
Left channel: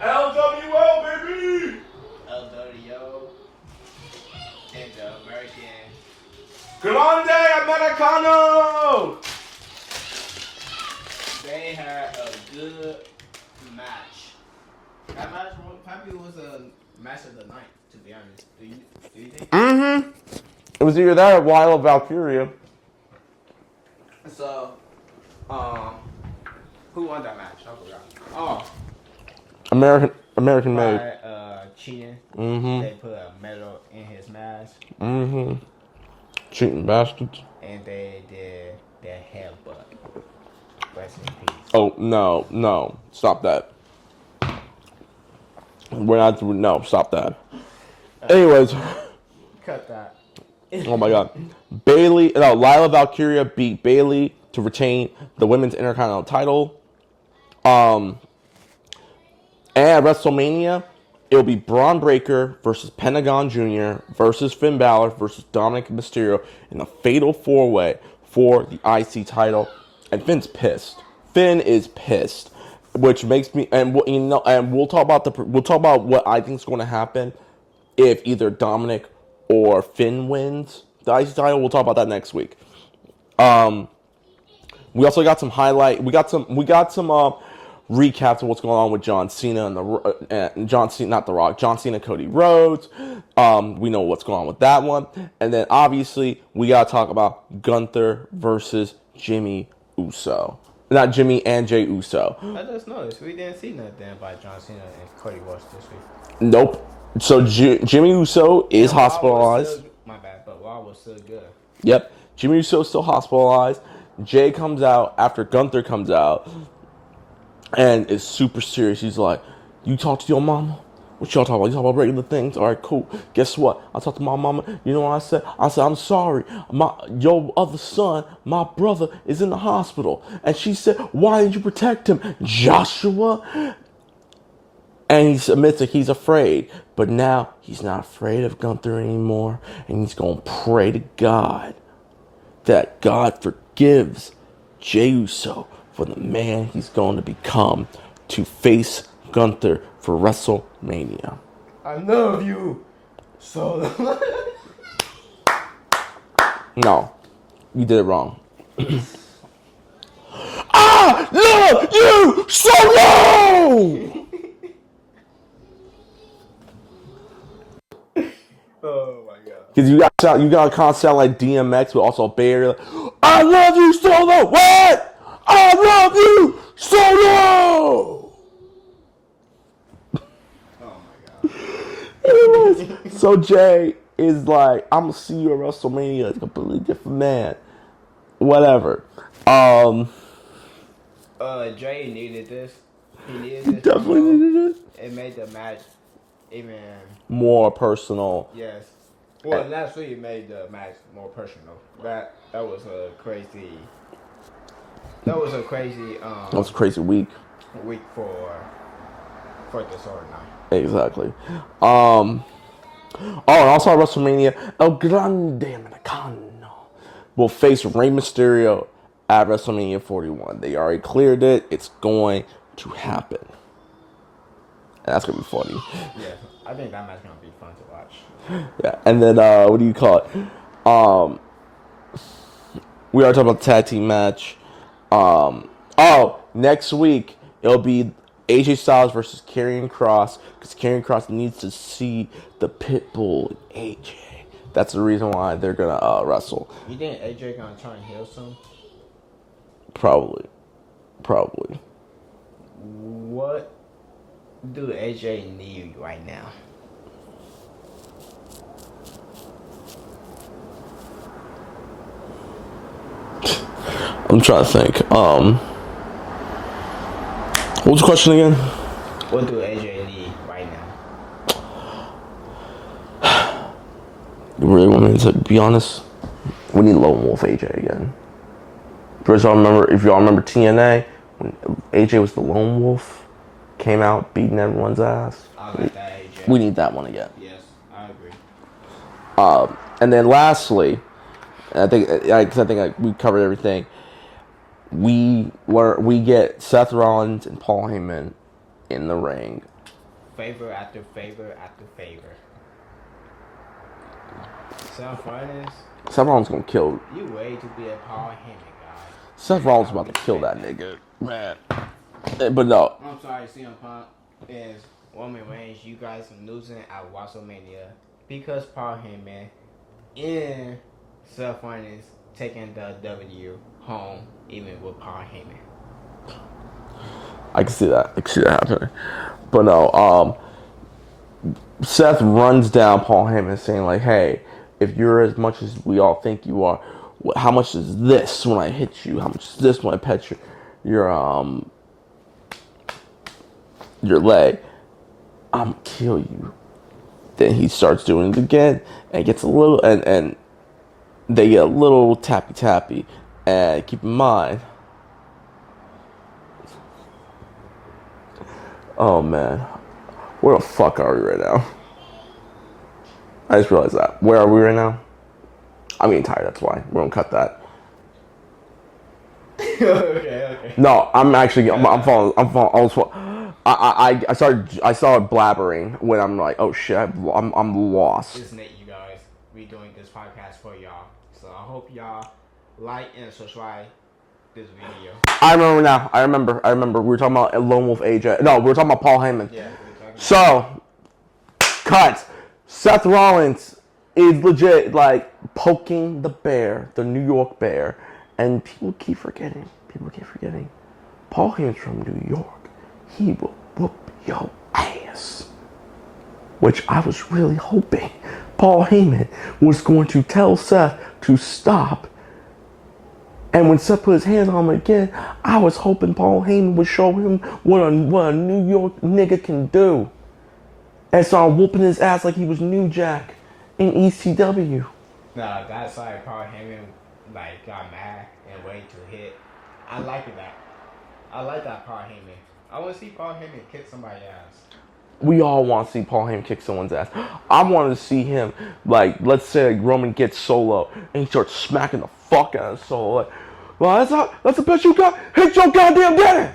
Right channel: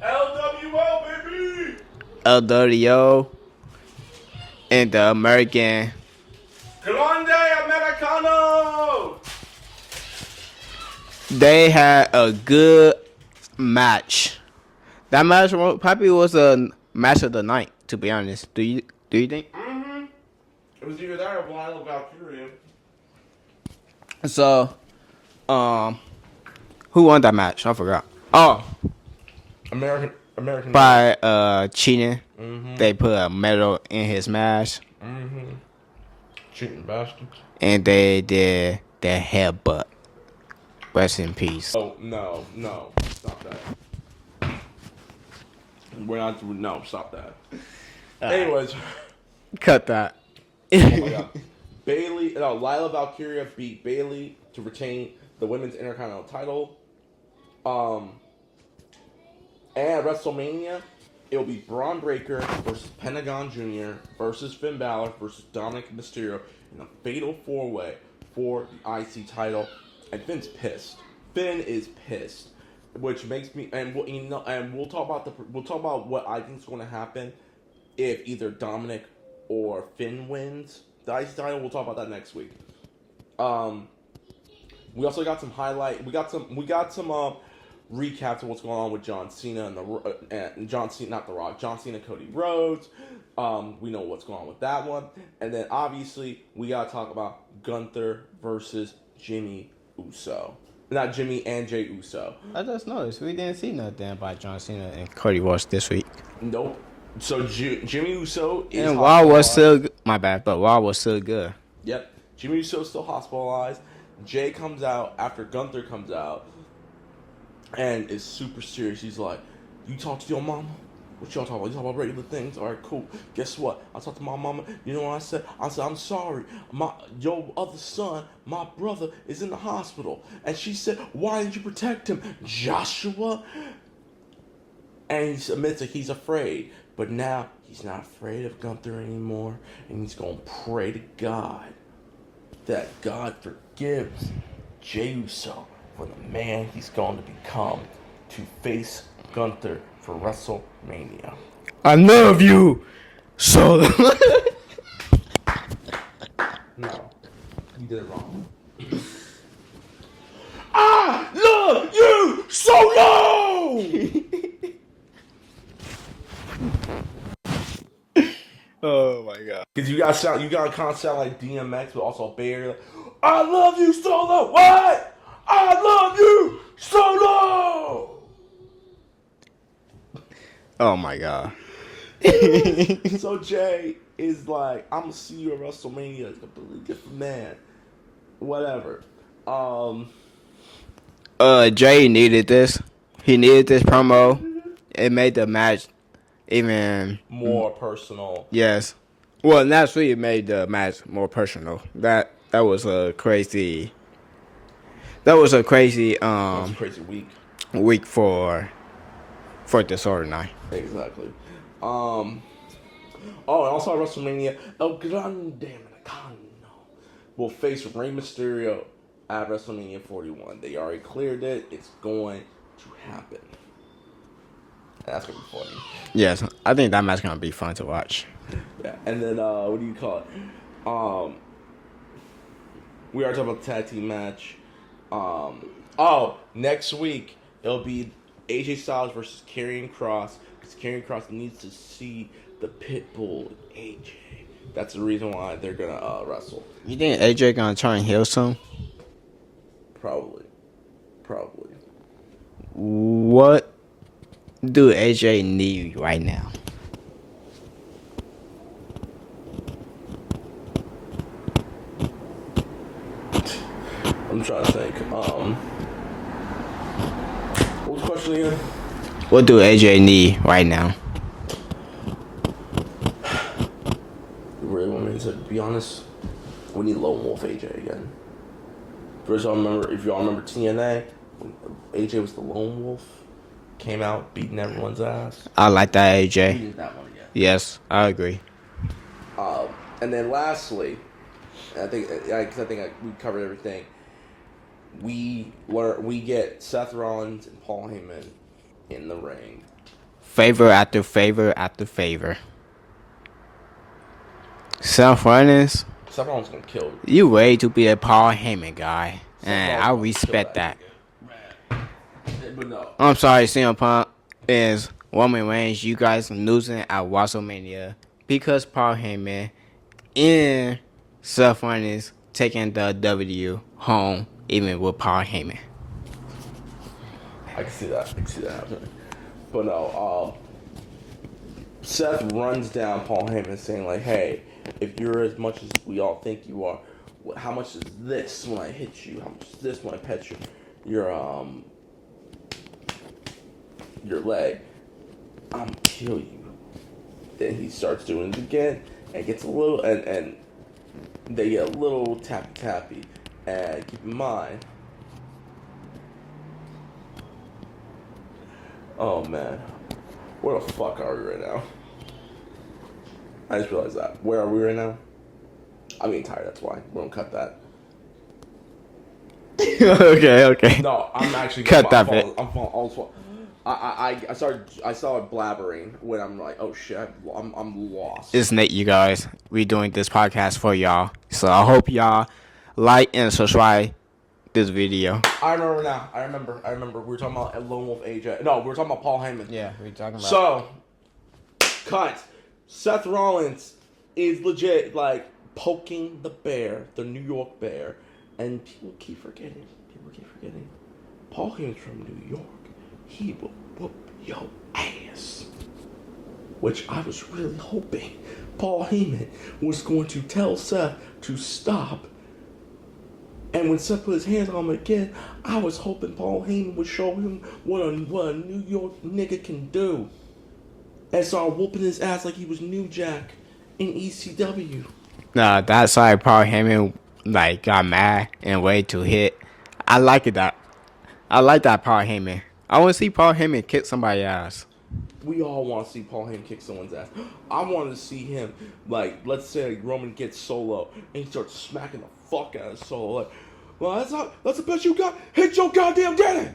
LWO, baby! LWO and the American. Grande Americano! They had a good match. That match probably was a match of the night, to be honest. Do you think? Mm-hmm. It was either that or Lyle Valkyria. So, who won that match? I forgot. Oh, American by cheating. Mm-hmm. They put a medal in his mask. Mm-hmm. Cheating bastards. And they did their headbutt. Rest in peace. Oh, no. Stop that. We're not... No, stop that. Anyways. Cut that. Oh, my God. Lila Valkyria beat Bayley to retain the Women's Intercontinental title. And at WrestleMania, it'll be Braun Breaker versus Pentagon Jr. versus Finn Balor versus Dominic Mysterio in a fatal 4-way for the IC title. And Finn's pissed. Finn is pissed, which makes me we'll talk about what I think is going to happen if either Dominic or Finn wins the IC title. We'll talk about that next week. We also got some highlight. We got some recaps of what's going on with John Cena and John Cena, not The Rock, John Cena, Cody Rhodes. We know what's going on with that one. And then obviously we got to talk about Gunther versus Jimmy Uso. Not Jimmy and Jay Uso. I just noticed we didn't see nothing about John Cena and Cody Rhodes this week. Nope. So Jimmy Uso is hospitalized. My bad, but Raw was still good. Yep. Jimmy Uso is still hospitalized. Jay comes out after Gunther comes out and is super serious. He's like, you talk to your mama? What y'all talking about? You talk about regular things? All right, cool. Guess what? I talked to my mama. You know what I said? I said, I'm sorry. Your other son, my brother, is in the hospital. And she said, why didn't you protect him? Joshua? And he admits that he's afraid. But now he's not afraid of Gunther anymore. And he's going to pray to God that God forgives Jey Uso for the man he's going to become to face Gunther for WrestleMania. I love you so. No, you did it wrong. I love you so long. Oh my God! Because you got to kind of sound like DMX, but also Bay Like, I love you so long. What? I love you so long. Oh my God! So Jay is like, I'm gonna see you at WrestleMania, a completely different man. Whatever. Jay needed this. He needed this promo. It made the match even more personal. Yes. Well, naturally, it made the match more personal. That was a crazy. That was a crazy. That was a crazy week. Week for the storyline. Exactly. Oh, and also at WrestleMania, El Grande Americano will face Rey Mysterio at WrestleMania 41. They already cleared it. It's going to happen. And that's going to be funny. Yes, I think that match is going to be fun to watch. Yeah, and then, what do you call it? We already talked about the tag team match. Next week, it'll be AJ Styles versus Karrion Kross, because Karrion Kross needs to see the Pitbull in AJ. That's the reason why they're going to wrestle. You think AJ going to try and heal soon? Probably. What do AJ need right now? I'm trying to think. What was the question again? What do AJ need right now? You really want me to be honest? We need Lone Wolf AJ again. First, if y'all remember TNA, when AJ was the Lone Wolf, came out beating everyone's ass. I like that AJ. We need that one again. Yes, I agree. And then lastly, I think we covered everything. We get Seth Rollins and Paul Heyman in the ring. Favor after favor after favor. Seth Rollins Gonna kill you. Way to be a Paul Heyman guy. Seth And Rollins. I respect that. Man. But no, I'm sorry, CM Punk is Roman Reigns. You guys losing at WrestleMania because Paul Heyman and Seth Rollins taking the W home, even with Paul Heyman. I can see that. Happening. But no, Seth runs down Paul Heyman saying like, "Hey, if you're as much as we all think you are, how much is this when I hit you? How much is this when I pet your leg? I'm kill you." Then he starts doing it again and gets a little and they get a little tappy. And keep in mind, oh man, where the fuck are we right now? I just realized that. Where are we right now? I'm getting tired, that's why. We're gonna cut that. Okay. No, I'm actually getting Cut that I started blabbering when I'm like, oh shit, I'm lost. It's Nate, you guys. We doing this podcast for y'all. So I hope y'all like and subscribe this video. I remember now. I remember. We were talking about Lone Wolf AJ. No, we were talking about Paul Heyman. Yeah, we were talking about. So, cut. Seth Rollins is legit like poking the bear, the New York Bear, and people keep forgetting. Paul Heyman's from New York. He will whoop your ass. Which I was really hoping Paul Heyman was going to tell Seth to stop. And when Seth put his hands on him again, I was hoping Paul Heyman would show him what a New York nigga can do. And started whooping his ass like he was New Jack in ECW. Nah, that's why Paul Heyman got mad and waited to hit. I like that Paul Heyman. I want to see Paul Heyman kick somebody's ass. We all want to see Paul Heyman kick someone's ass. I want to see him, let's say Roman gets Solo and he starts smacking the fuck out of Solo. Well, that's the best you got. Hit your goddamn daddy.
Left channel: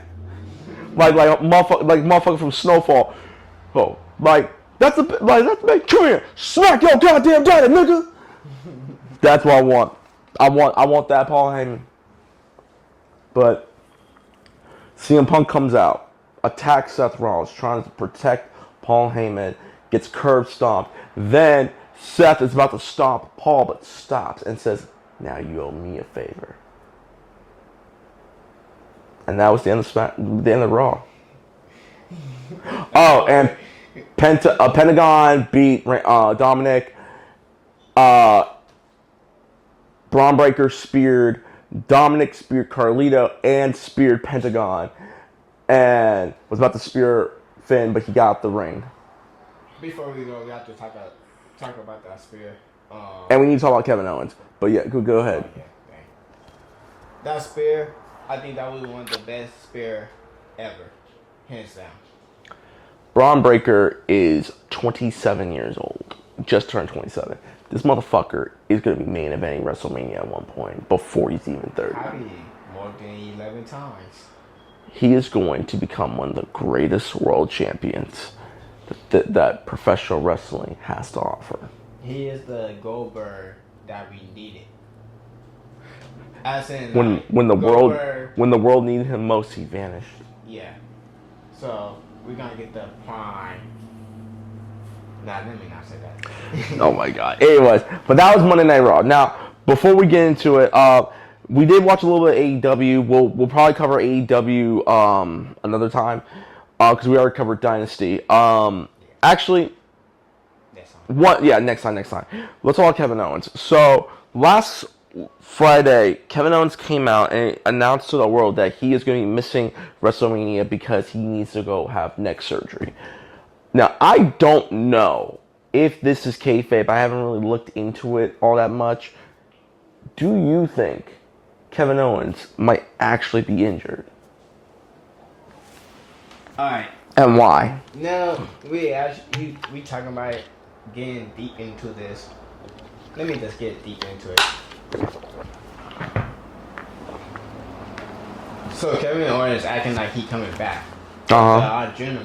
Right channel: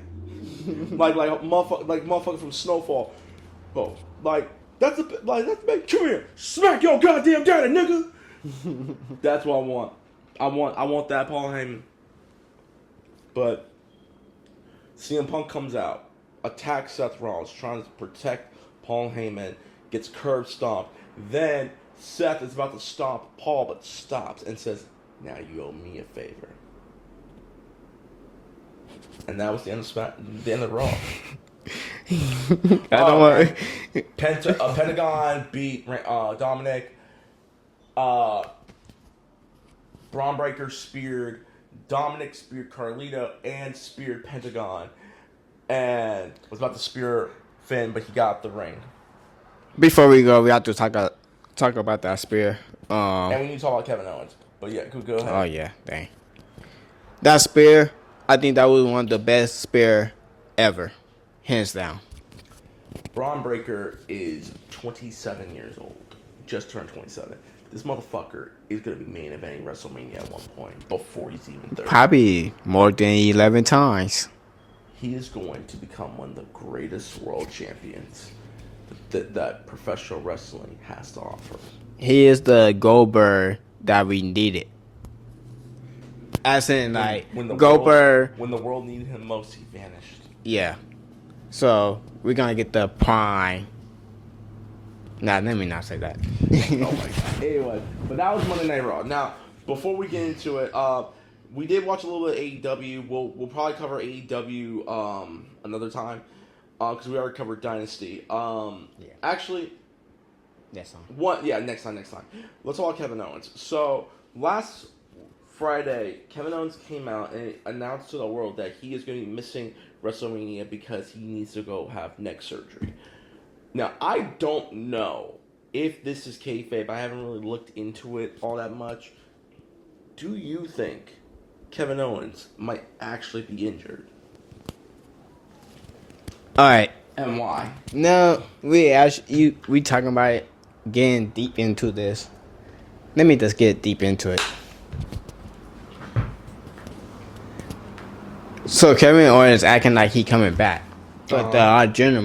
like a motherfucker from Snowfall. Oh, that's the big. Come here, smack your goddamn daddy, nigga. That's what I want. I want that Paul Heyman. But CM Punk comes out, attacks Seth Rollins, trying to protect Paul Heyman, gets curb stomped. Then Seth is about to stomp Paul, but stops and says, "Now you owe me a favor." And that was the end of Raw. And Pentagon beat Dominic. Braun Breaker speared Dominic, speared Carlito, and speared Pentagon, and was about to spear Finn, but he got out the ring. Before we go, we have to talk about that spear. And we need to talk about Kevin Owens. But yeah, go ahead. Oh yeah, dang. That spear, I think that was one of the best spear ever, hands down. Braun Breaker is 27 years old, just turned 27. This motherfucker is going to be main eventing WrestleMania at one point before he's even 30. Probably more than 11 times. He is going to become one of the greatest world champions that professional wrestling has to offer. He is the Goldberg that we needed. As in, when the world needed him most, he vanished. Yeah. So we're gonna get the prime. Nah, let me not say that. Oh my god. Anyways, but that was Monday Night Raw. Now, before we get into it, we did watch a little bit of AEW. We'll probably cover AEW another time because we already covered Dynasty. Actually, next time. Next time. Let's talk about Kevin Owens. So last Friday, Kevin Owens came out and announced to the world that he is going to be missing WrestleMania because he needs to go have neck surgery. Now, I don't know if this is kayfabe. I haven't really looked into it all that much. Do you think Kevin Owens might actually be injured? All right. And why? Now we talking about getting deep into this. Let me just get deep into it. So Kevin Owens acting like he coming back. The general